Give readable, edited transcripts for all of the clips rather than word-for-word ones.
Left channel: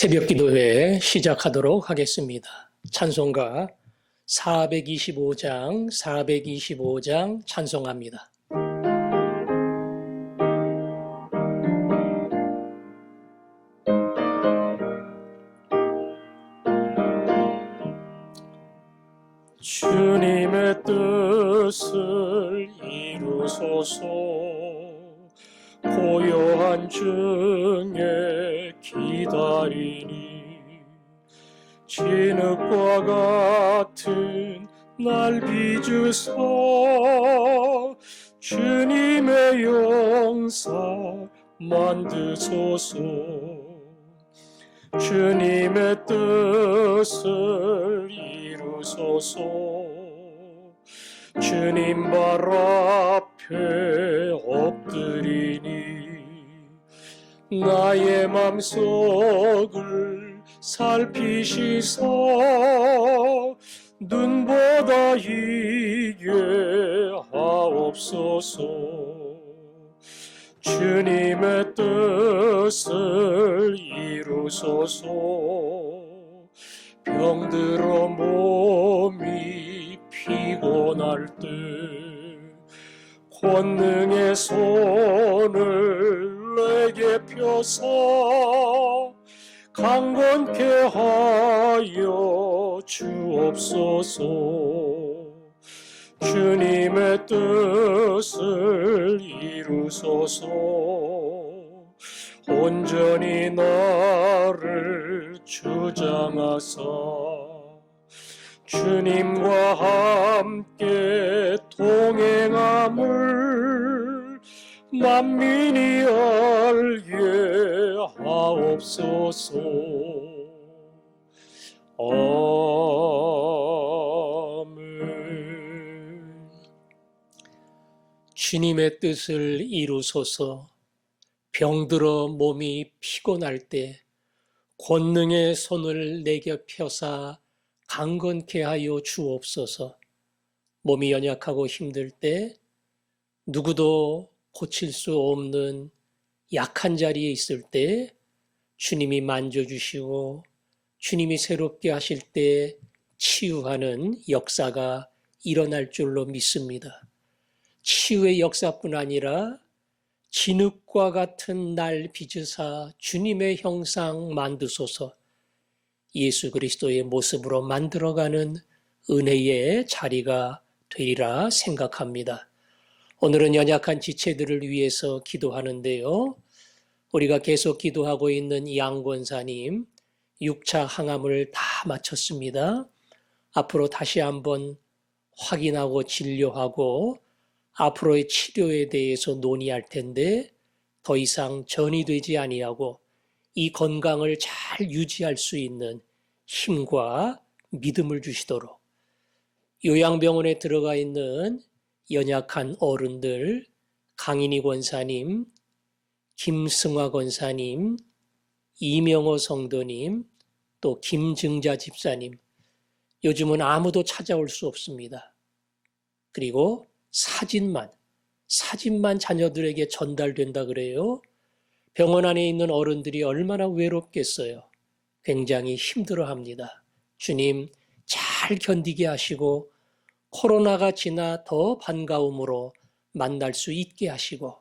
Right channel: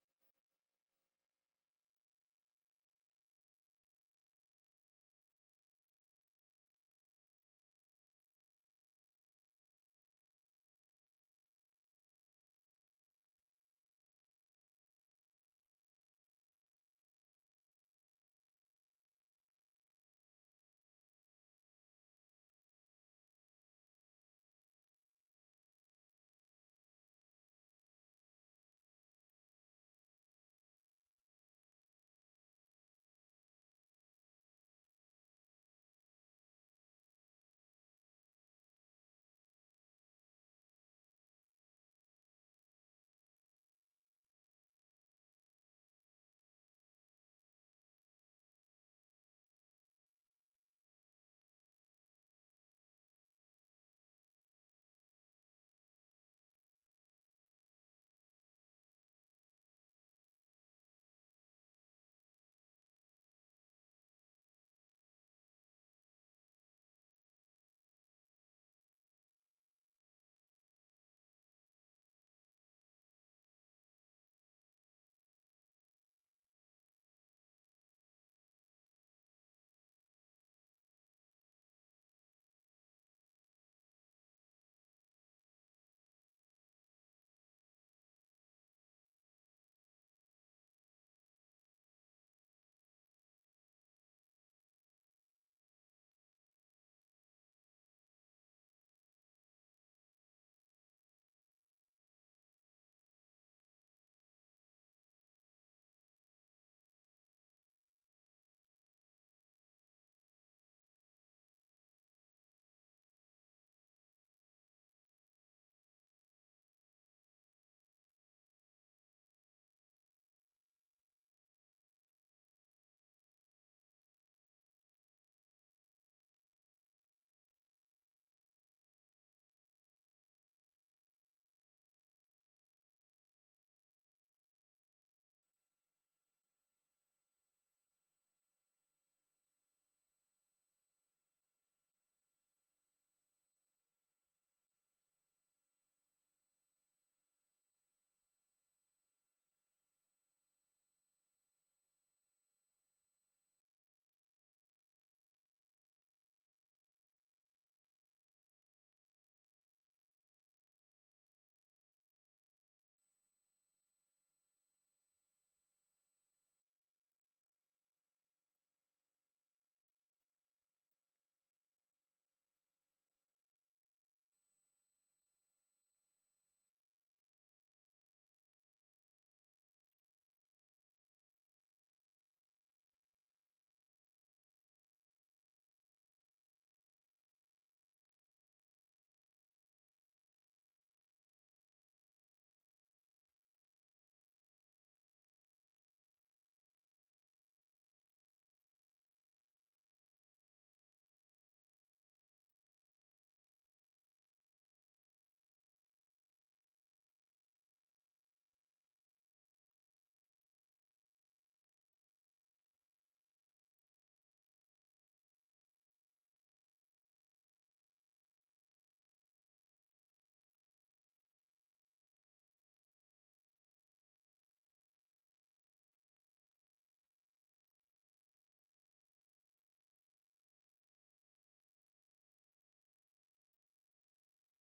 새벽기도회 시작하도록 하겠습니다. 찬송가 425장 찬송합니다. 주님의 뜻을 이루소서. 고요한 중에 기다리니 진흙과 같은 날 빚으사 주님의 영사 만드소서. 주님의 뜻을 이루소서. 주님 발 앞에 엎드리니 나의 맘속을 살피시사 눈보다 이게 하옵소서. 주님의 뜻을 이루소서. 병들어 몸이 피곤할 때 권능의 손을 내게 펴사 강건케 하여 주옵소서. 주님의 뜻을 이루소서. 온전히 나를 주장하사 주님과 함께 동행함을 만민이 알게 하옵소서. 아멘. 주님의 뜻을 이루소서. 병들어 몸이 피곤할 때 권능의 손을 내게 펴사 강건케 하여 주옵소서. 몸이 연약하고 힘들 때 누구도 고칠 수 없는 약한 자리에 있을 때 주님이 만져주시고 주님이 새롭게 하실 때 치유하는 역사가 일어날 줄로 믿습니다. 치유의 역사뿐 아니라 진흙과 같은 날 빚으사 주님의 형상 만드소서. 예수 그리스도의 모습으로 만들어가는 은혜의 자리가 되리라 생각합니다. 오늘은 연약한 지체들을 위해서 기도하는데요. 우리가 계속 기도하고 있는 양권사님 6차 항암을 다 마쳤습니다. 앞으로 다시 한번 확인하고 진료하고 앞으로의 치료에 대해서 논의할 텐데 더 이상 전이되지 아니하고 이 건강을 잘 유지할 수 있는 힘과 믿음을 주시도록 요양병원에 들어가 있는 연약한 어른들 강인희 권사님, 김승화 권사님, 이명호 성도님, 또 김증자 집사님, 요즘은 아무도 찾아올 수 없습니다. 그리고 사진만 자녀들에게 전달된다 그래요. 병원 안에 있는 어른들이 얼마나 외롭겠어요. 굉장히 힘들어합니다. 주님 잘 견디게 하시고 코로나가 지나 더 반가움으로 만날 수 있게 하시고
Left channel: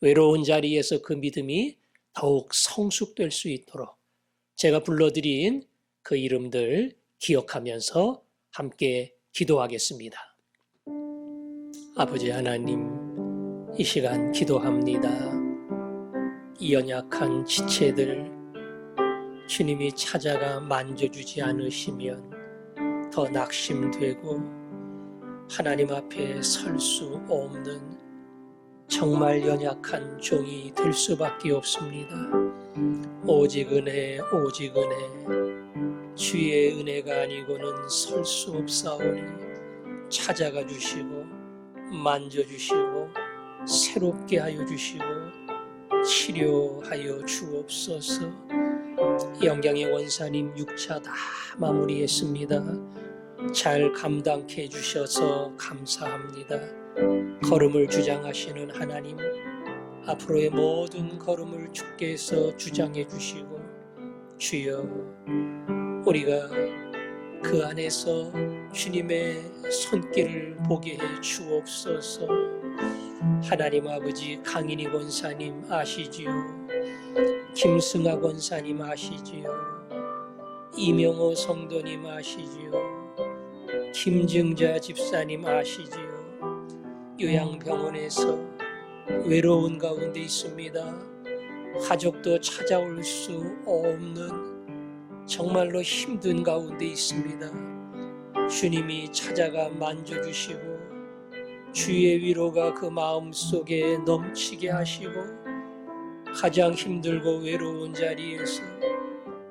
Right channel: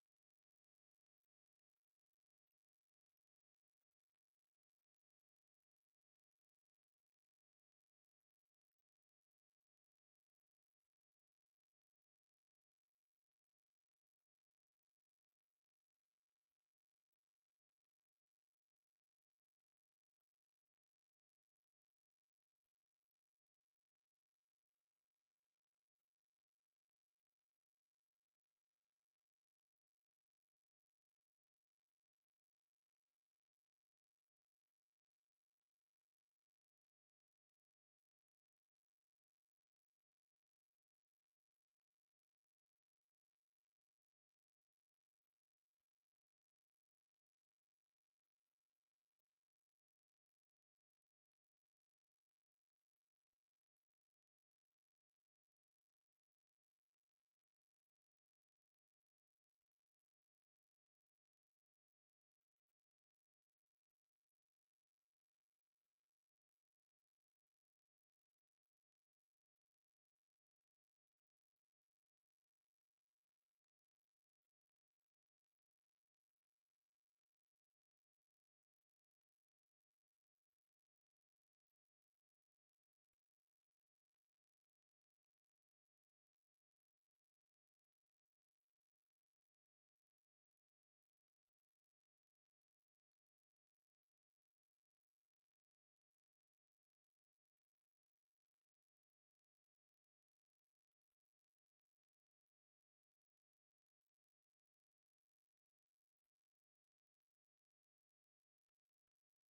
외로운 자리에서 그 믿음이 더욱 성숙될 수 있도록 제가 불러드린 그 이름들 기억하면서 함께 기도하겠습니다. 아버지 하나님, 이 시간 기도합니다. 이 연약한 지체들 주님이 찾아가 만져주지 않으시면 더 낙심되고 하나님 앞에 설 수 없는 정말 연약한 종이 될 수밖에 없습니다. 오직 은혜, 오직 은혜, 주의 은혜가 아니고는 설 수 없사오니 찾아가 주시고 만져주시고 새롭게 하여 주시고 치료하여 주옵소서. 영경의 원사님 6차 다 마무리했습니다. 잘 감당케 해주셔서 감사합니다. 걸음을 주장하시는 하나님, 앞으로의 모든 걸음을 주께서 주장해 주시고 주여, 우리가 그 안에서 주님의 손길을 보게 해 주옵소서. 하나님 아버지, 강인희 권사님 아시지요? 김승아 권사님 아시지요? 이명호 성도님 아시지요? 김증자 집사님 아시지요? 요양병원에서 외로운 가운데 있습니다. 가족도 찾아올 수 없는 정말로 힘든 가운데 있습니다. 주님이 찾아가 만져주시고 주의 위로가 그 마음속에 넘치게 하시고 가장 힘들고 외로운 자리에서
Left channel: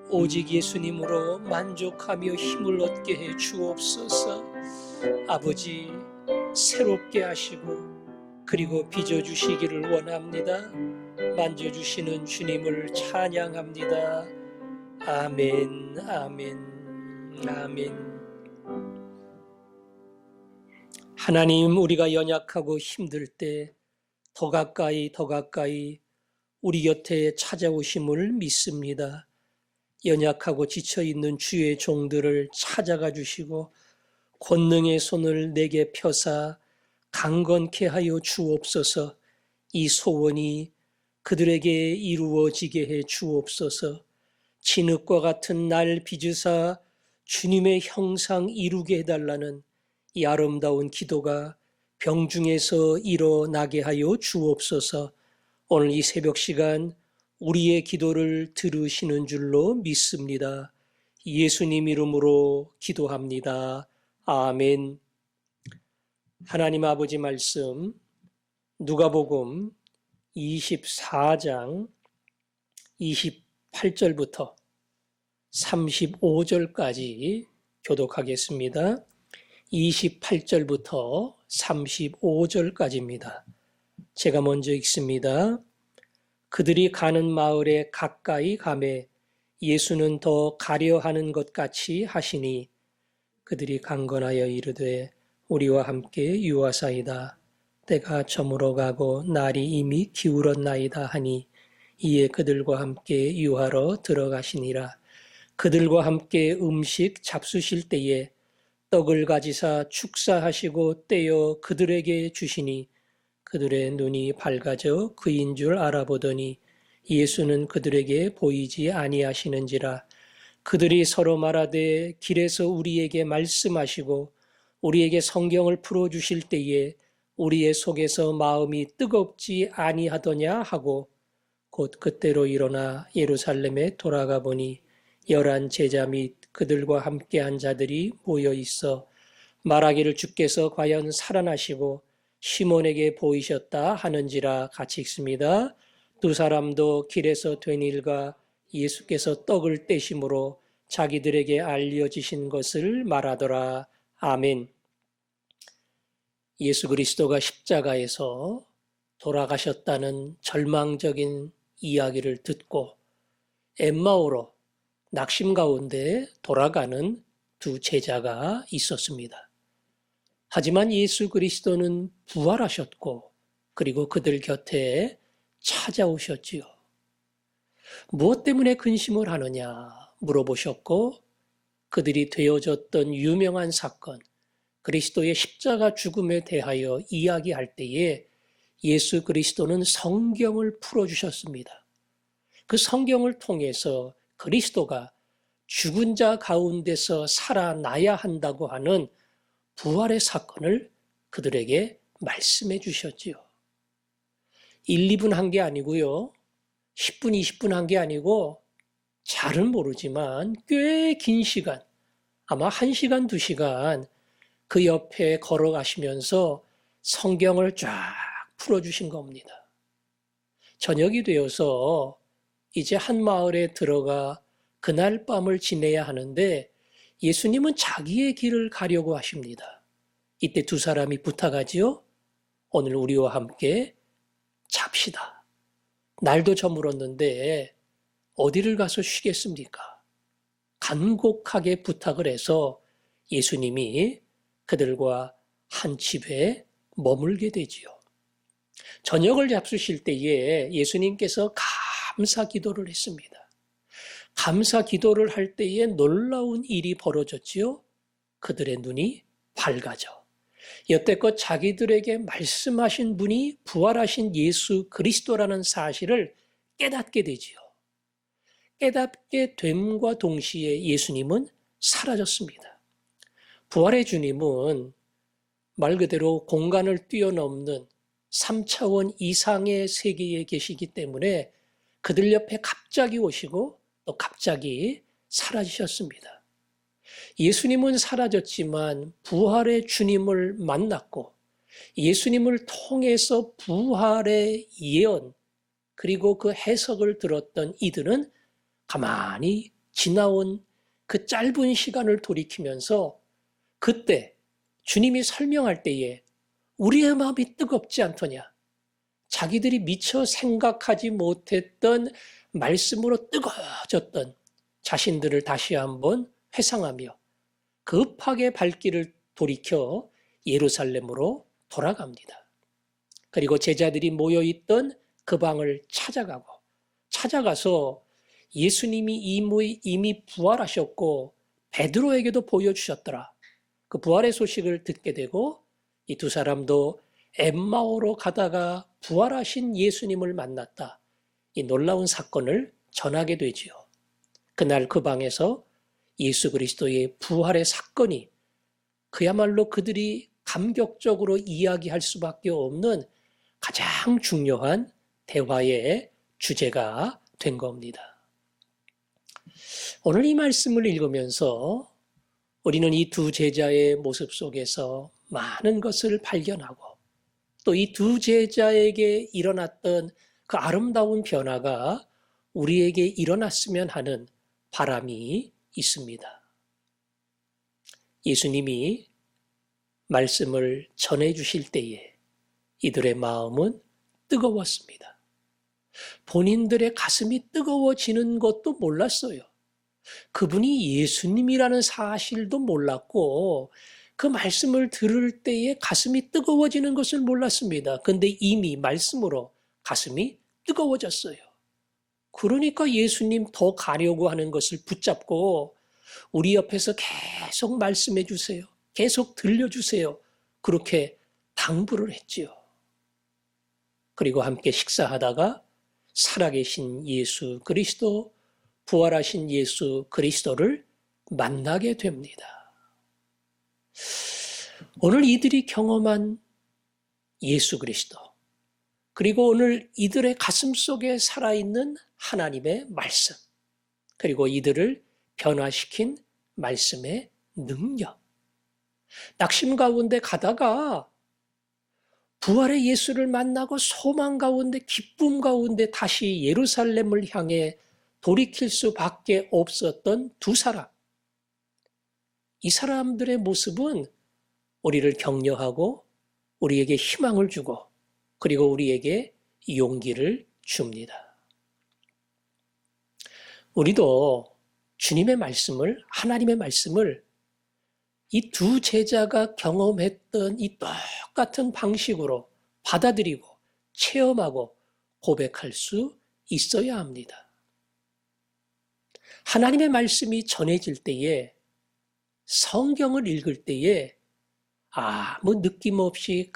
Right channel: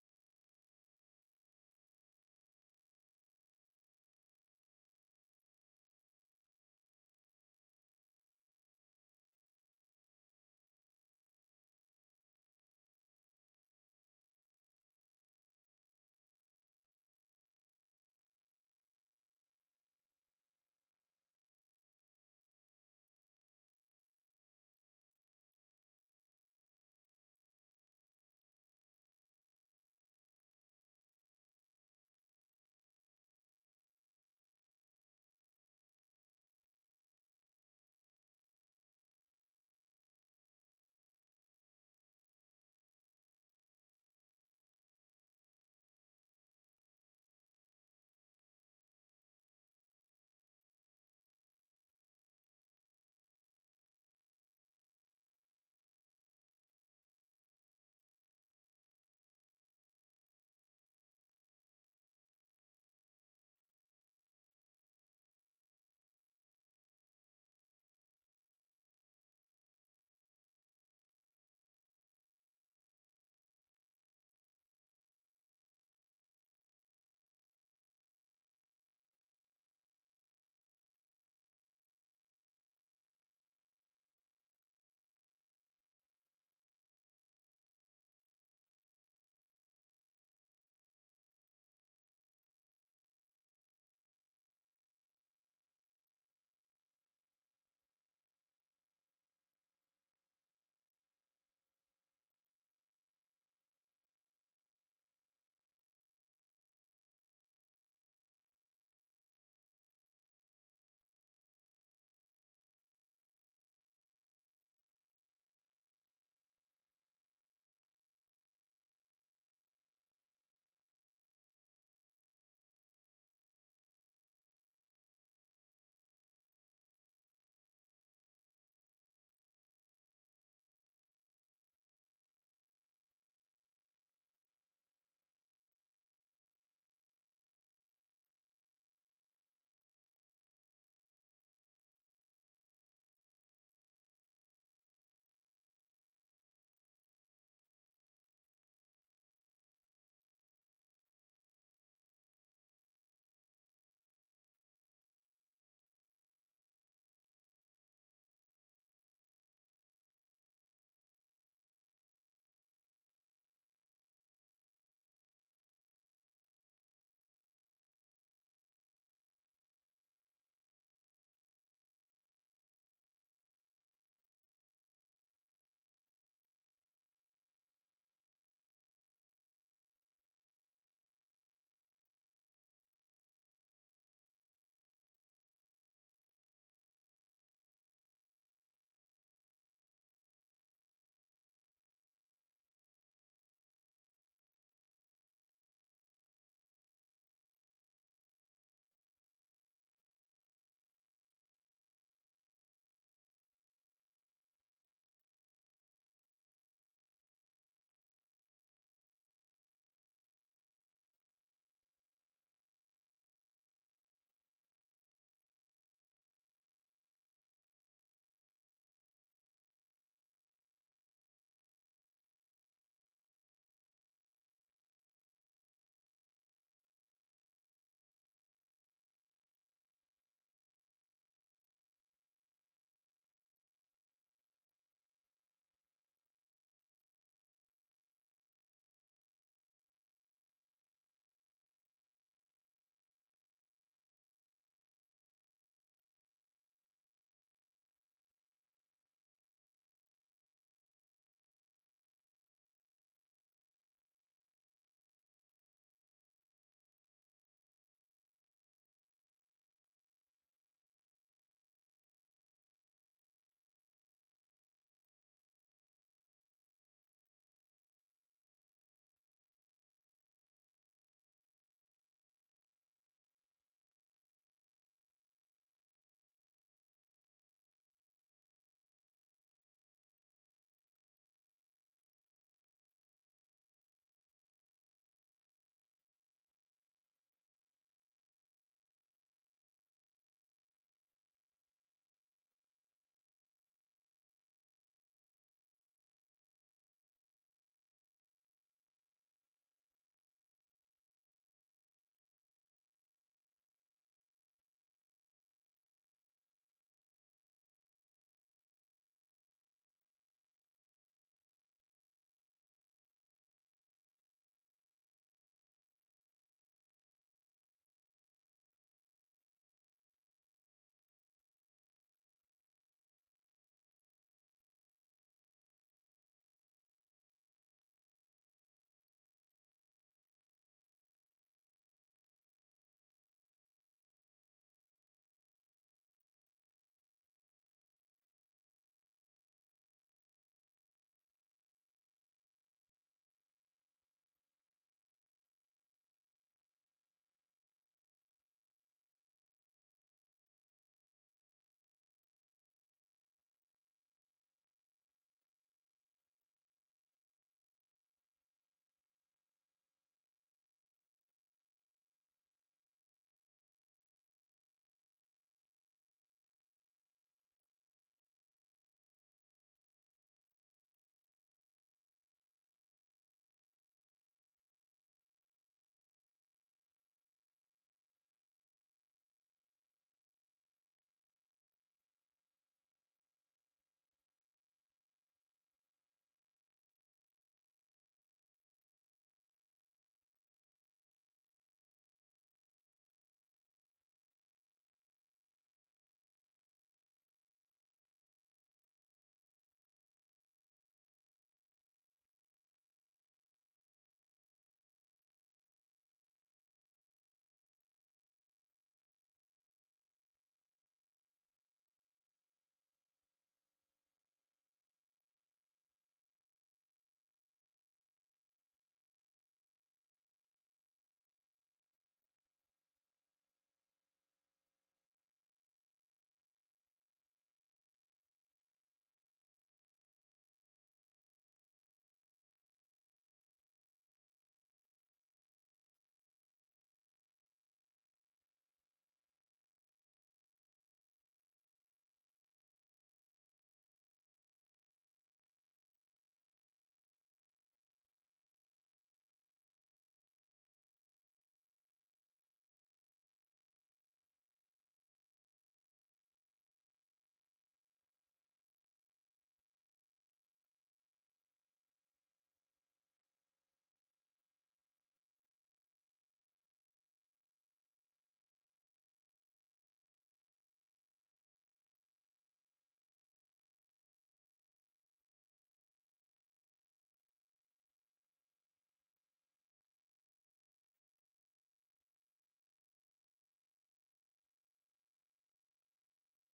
오직 예수님으로 만족하며 힘을 얻게 해 주옵소서. 아버지, 새롭게 하시고 그리고 빚어주시기를 원합니다. 만져주시는 주님을 찬양합니다. 아멘, 아멘, 아멘. 하나님, 우리가 연약하고 힘들 때 더 가까이 더 가까이 우리 곁에 찾아오심을 믿습니다. 연약하고 지쳐있는 주의 종들을 찾아가 주시고 권능의 손을 내게 펴사 강건케 하여 주옵소서. 이 소원이 그들에게 이루어지게 해 주옵소서. 진흙과 같은 날 빚으사 주님의 형상 이루게 해달라는 이 아름다운 기도가 병중에서 일어나게 하여 주옵소서. 오늘 이 새벽 시간 우리의 기도를 들으시는 줄로 믿습니다. 예수님 이름으로 기도합니다. 아멘. 하나님 아버지 말씀 누가복음 24장 28절부터 35절까지 교독하겠습니다. 28절부터 35절까지입니다. 제가 먼저 읽습니다. 그들이 가는 마을에 가까이 가매 예수는 더 가려 하는 것 같이 하시니 그들이 강건하여 이르되 우리와 함께 유하사이다. 때가 저물어 가고 날이 이미 기울었나이다 하니 이에 그들과 함께 유하러 들어가시니라. 그들과 함께 음식 잡수실 때에 떡을 가지사 축사하시고 떼어 그들에게 주시니 그들의 눈이 밝아져 그인 줄 알아보더니 예수는 그들에게 보이지 아니하시는지라. 그들이 서로 말하되 길에서 우리에게 말씀하시고 우리에게 성경을 풀어주실 때에 우리의 속에서 마음이 뜨겁지 아니하더냐 하고 곧 그때로 일어나 예루살렘에 돌아가 보니 11 제자 및 그들과 함께한 자들이 모여 있어 말하기를 주께서 과연 살아나시고 시몬에게 보이셨다 하는지라. 같이 읽습니다. 두 사람도 길에서 된 일과 예수께서 떡을 떼심으로 자기들에게 알려지신 것을 말하더라. 아멘. 예수 그리스도가 십자가에서 돌아가셨다는 절망적인 이야기를 듣고 엠마오로 낙심 가운데 돌아가는 두 제자가 있었습니다. 하지만 예수 그리스도는 부활하셨고 그리고 그들 곁에 찾아오셨지요. 무엇 때문에 근심을 하느냐 물어보셨고 그들이 되어졌던 유명한 사건, 그리스도의 십자가 죽음에 대하여 이야기할 때에 예수 그리스도는 성경을 풀어주셨습니다. 그 성경을 통해서 그리스도가 죽은 자 가운데서 살아나야 한다고 하는 부활의 사건을 그들에게 말씀해 주셨지요. 1, 2분 한 게 아니고요. 10분, 20분 한 게 아니고 잘은 모르지만 꽤 긴 시간, 아마 1시간, 2시간 그 옆에 걸어가시면서 성경을 쫙 풀어주신 겁니다. 저녁이 되어서 이제 한 마을에 들어가 그날 밤을 지내야 하는데 예수님은 자기의 길을 가려고 하십니다. 이때 두 사람이 부탁하지요. 오늘 우리와 함께 잡시다. 날도 저물었는데 어디를 가서 쉬겠습니까? 간곡하게 부탁을 해서 예수님이 그들과 한 집에 머물게 되지요. 저녁을 잡수실 때에 예수님께서 감사 기도를 했습니다. 감사 기도를 할 때에 놀라운 일이 벌어졌지요. 그들의 눈이 밝아져 여태껏 자기들에게 말씀하신 분이 부활하신 예수 그리스도라는 사실을 깨닫게 되지요. 깨닫게 됨과 동시에 예수님은 사라졌습니다. 부활의 주님은 말 그대로 공간을 뛰어넘는 3차원 이상의 세계에 계시기 때문에 그들 옆에 갑자기 오시고 또 갑자기 사라지셨습니다. 예수님은 사라졌지만 부활의 주님을 만났고 예수님을 통해서 부활의 예언 그리고 그 해석을 들었던 이들은 가만히 지나온 그 짧은 시간을 돌이키면서 그때 주님이 설명할 때에 우리의 마음이 뜨겁지 않더냐. 자기들이 미처 생각하지 못했던 말씀으로 뜨거워졌던 자신들을 다시 한번 회상하며 급하게 발길을 돌이켜 예루살렘으로 돌아갑니다. 그리고 제자들이 모여있던 그 방을 찾아가서 예수님이 이미 부활하셨고 베드로에게도 보여주셨더라. 그 부활의 소식을 듣게 되고 이 두 사람도 엠마오로 가다가 부활하신 예수님을 만났다. 이 놀라운 사건을 전하게 되지요. 그날 그 방에서 예수 그리스도의 부활의 사건이 그야말로 그들이 감격적으로 이야기할 수밖에 없는 가장 중요한 대화의 주제가 된 겁니다. 오늘 이 말씀을 읽으면서 우리는 이 두 제자의 모습 속에서 많은 것을 발견하고 또 이 두 제자에게 일어났던 그 아름다운 변화가 우리에게 일어났으면 하는 바람이 있습니다. 예수님이 말씀을 전해 주실 때에 이들의 마음은 뜨거웠습니다. 본인들의 가슴이 뜨거워지는 것도 몰랐어요. 그분이 예수님이라는 사실도 몰랐고 그 말씀을 들을 때에 가슴이 뜨거워지는 것을 몰랐습니다. 근데 이미 말씀으로 가슴이 뜨거워졌어요. 그러니까 예수님 더 가려고 하는 것을 붙잡고 우리 옆에서 계속 말씀해 주세요. 계속 들려주세요. 그렇게 당부를 했지요. 그리고 함께 식사하다가 살아계신 예수 그리스도, 부활하신 예수 그리스도를 만나게 됩니다. 오늘 이들이 경험한 예수 그리스도, 그리고 오늘 이들의 가슴 속에 살아있는 하나님의 말씀, 그리고 이들을 변화시킨 말씀의 능력. 낙심 가운데 가다가 부활의 예수를 만나고 소망 가운데 기쁨 가운데 다시 예루살렘을 향해 돌이킬 수밖에 없었던 두 사람. 이 사람들의 모습은 우리를 격려하고 우리에게 희망을 주고 그리고 우리에게 용기를 줍니다. 우리도 주님의 말씀을, 하나님의 말씀을 이 두 제자가 경험했던 이 똑같은 방식으로 받아들이고 체험하고 고백할 수 있어야 합니다. 하나님의 말씀이 전해질 때에 성경을 읽을 때에 아무 느낌 없이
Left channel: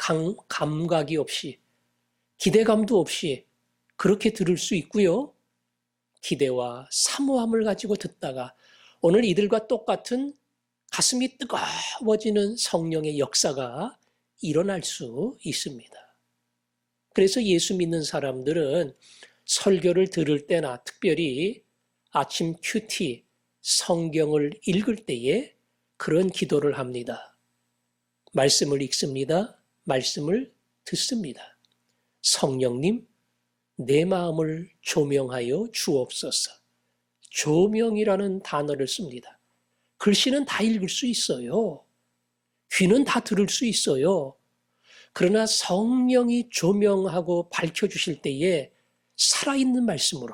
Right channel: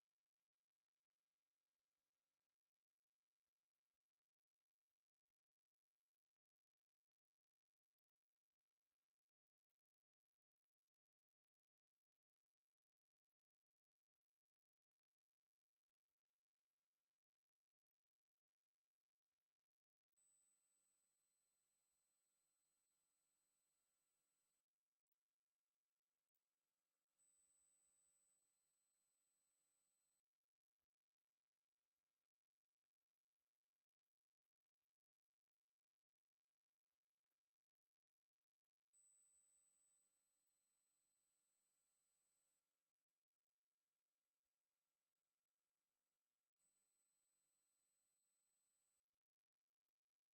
감각이 없이 기대감도 없이 그렇게 들을 수 있고요. 기대와 사모함을 가지고 듣다가 오늘 이들과 똑같은 가슴이 뜨거워지는 성령의 역사가 일어날 수 있습니다. 그래서 예수 믿는 사람들은 설교를 들을 때나 특별히 아침 큐티 성경을 읽을 때에 그런 기도를 합니다. 말씀을 읽습니다. 말씀을 듣습니다. 성령님, 내 마음을 조명하여 주옵소서. 조명이라는 단어를 씁니다. 글씨는 다 읽을 수 있어요. 귀는 다 들을 수 있어요. 그러나 성령이 조명하고 밝혀주실 때에 살아있는 말씀으로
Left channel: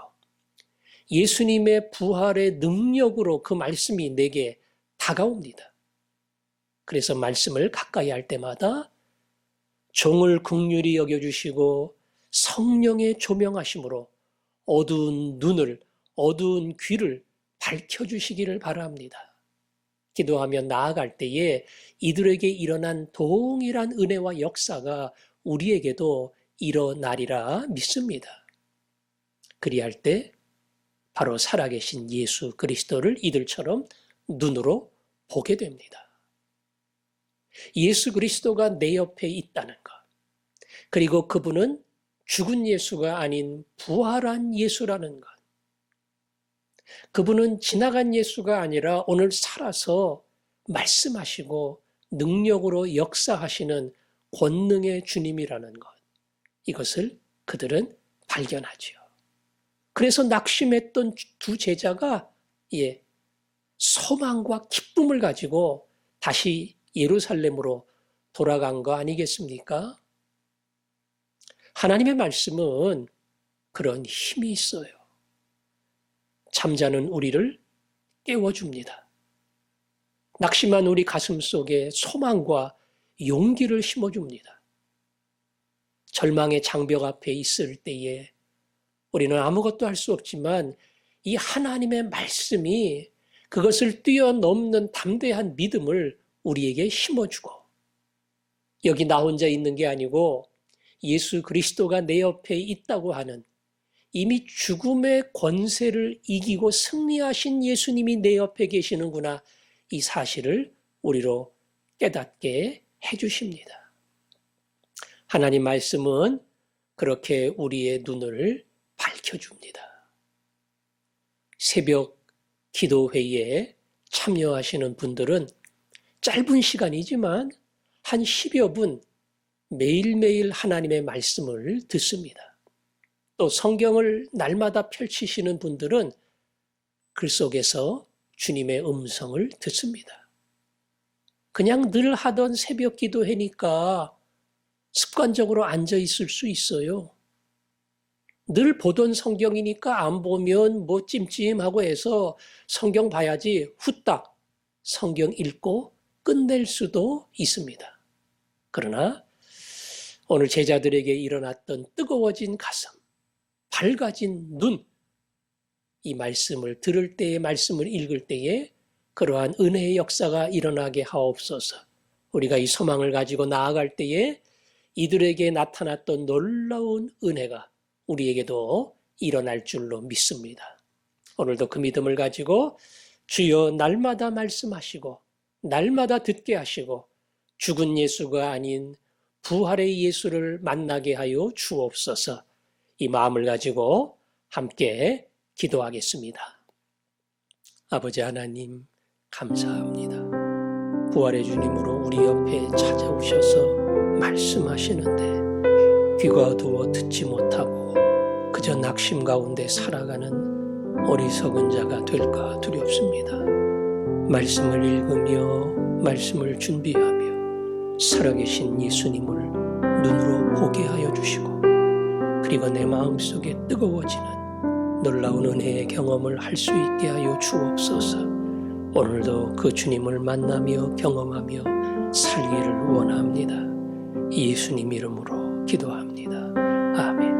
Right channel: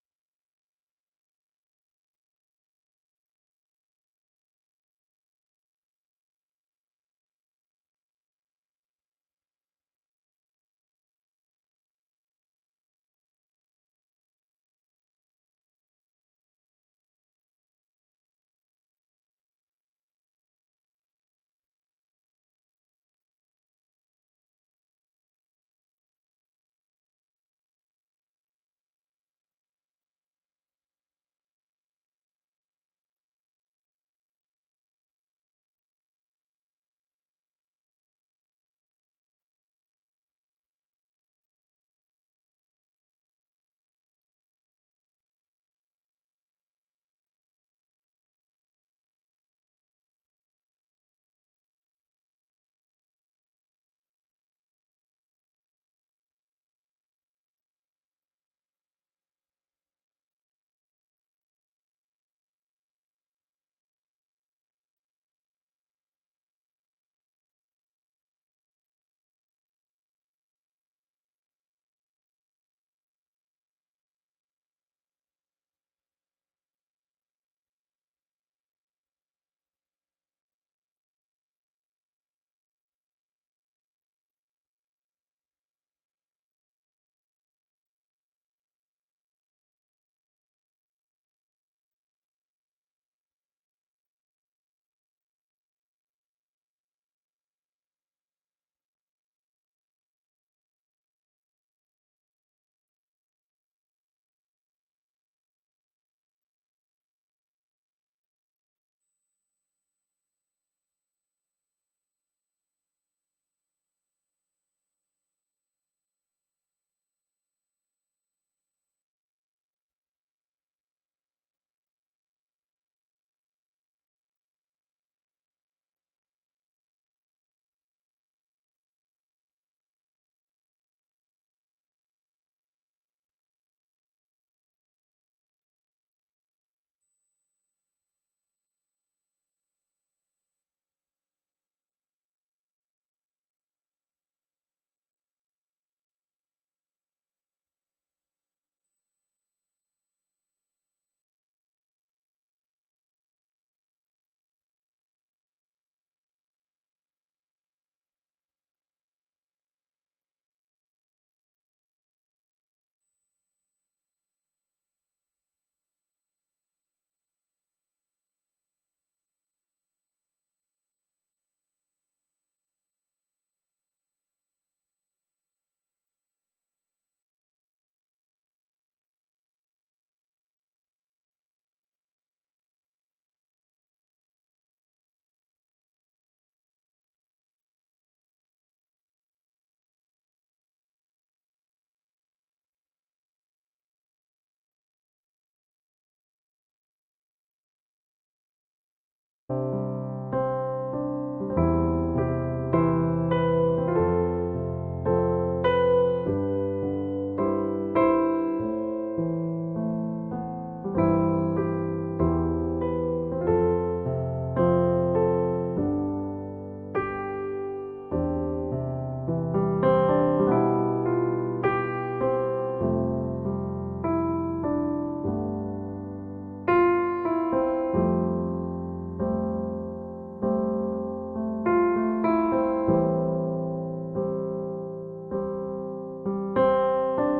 예수님의 부활의 능력으로 그 말씀이 내게 다가옵니다. 그래서 말씀을 가까이 할 때마다 종을 긍휼히 여겨주시고 성령의 조명하심으로 어두운 눈을, 어두운 귀를 밝혀주시기를 바랍니다. 기도하며 나아갈 때에 이들에게 일어난 동일한 은혜와 역사가 우리에게도 일어나리라 믿습니다. 그리할 때 바로 살아계신 예수 그리스도를 이들처럼 눈으로 보게 됩니다. 예수 그리스도가 내 옆에 있다는 것, 그리고 그분은 죽은 예수가 아닌 부활한 예수라는 것, 그분은 지나간 예수가 아니라 오늘 살아서 말씀하시고 능력으로 역사하시는 권능의 주님이라는 것, 이것을 그들은 발견하지요. 그래서 낙심했던 두 제자가 소망과 기쁨을 가지고 다시 예루살렘으로 돌아간 거 아니겠습니까? 하나님의 말씀은 그런 힘이 있어요. 잠자는 우리를 깨워줍니다. 낙심한 우리 가슴 속에 소망과 용기를 심어줍니다. 절망의 장벽 앞에 있을 때에 우리는 아무것도 할 수 없지만 이 하나님의 말씀이 그것을 뛰어넘는 담대한 믿음을 우리에게 심어주고, 여기 나 혼자 있는 게 아니고 예수 그리스도가 내 옆에 있다고 하는, 이미 죽음의 권세를 이기고 승리하신 예수님이 내 옆에 계시는구나, 이 사실을 우리로 깨닫게 해주십니다. 하나님 말씀은 그렇게 우리의 눈을 밝혀줍니다. 새벽 기도회에 참여하시는 분들은 짧은 시간이지만 한 10여 분 매일매일 하나님의 말씀을 듣습니다. 또 성경을 날마다 펼치시는 분들은 글 속에서 주님의 음성을 듣습니다. 그냥 늘 하던 새벽 기도회니까 습관적으로 앉아 있을 수 있어요. 늘 보던 성경이니까 안 보면 뭐 찜찜하고 해서 성경 봐야지 후딱 성경 읽고 끝낼 수도 있습니다. 그러나 오늘 제자들에게 일어났던 뜨거워진 가슴, 밝아진 눈, 이 말씀을 들을 때에, 말씀을 읽을 때에 그러한 은혜의 역사가 일어나게 하옵소서. 우리가 이 소망을 가지고 나아갈 때에 이들에게 나타났던 놀라운 은혜가 우리에게도 일어날 줄로 믿습니다. 오늘도 그 믿음을 가지고 주여 날마다 말씀하시고 날마다 듣게 하시고 죽은 예수가 아닌 부활의 예수를 만나게 하여 주옵소서. 이 마음을 가지고 함께 기도하겠습니다. 아버지 하나님, 감사합니다. 부활의 주님으로 우리 옆에 찾아오셔서 말씀하시는데 귀가 어두워 듣지 못하고 그저 낙심 가운데 살아가는 어리석은 자가 될까 두렵습니다. 말씀을 읽으며 말씀을 준비하며 살아계신 예수님을 눈으로 보게 하여 주시고, 그리고 내 마음속에 뜨거워지는 놀라운 은혜의 경험을 할 수 있게 하여 주옵소서. 오늘도 그 주님을 만나며 경험하며 살기를 원합니다. 예수님 이름으로 기도합니다. 아멘.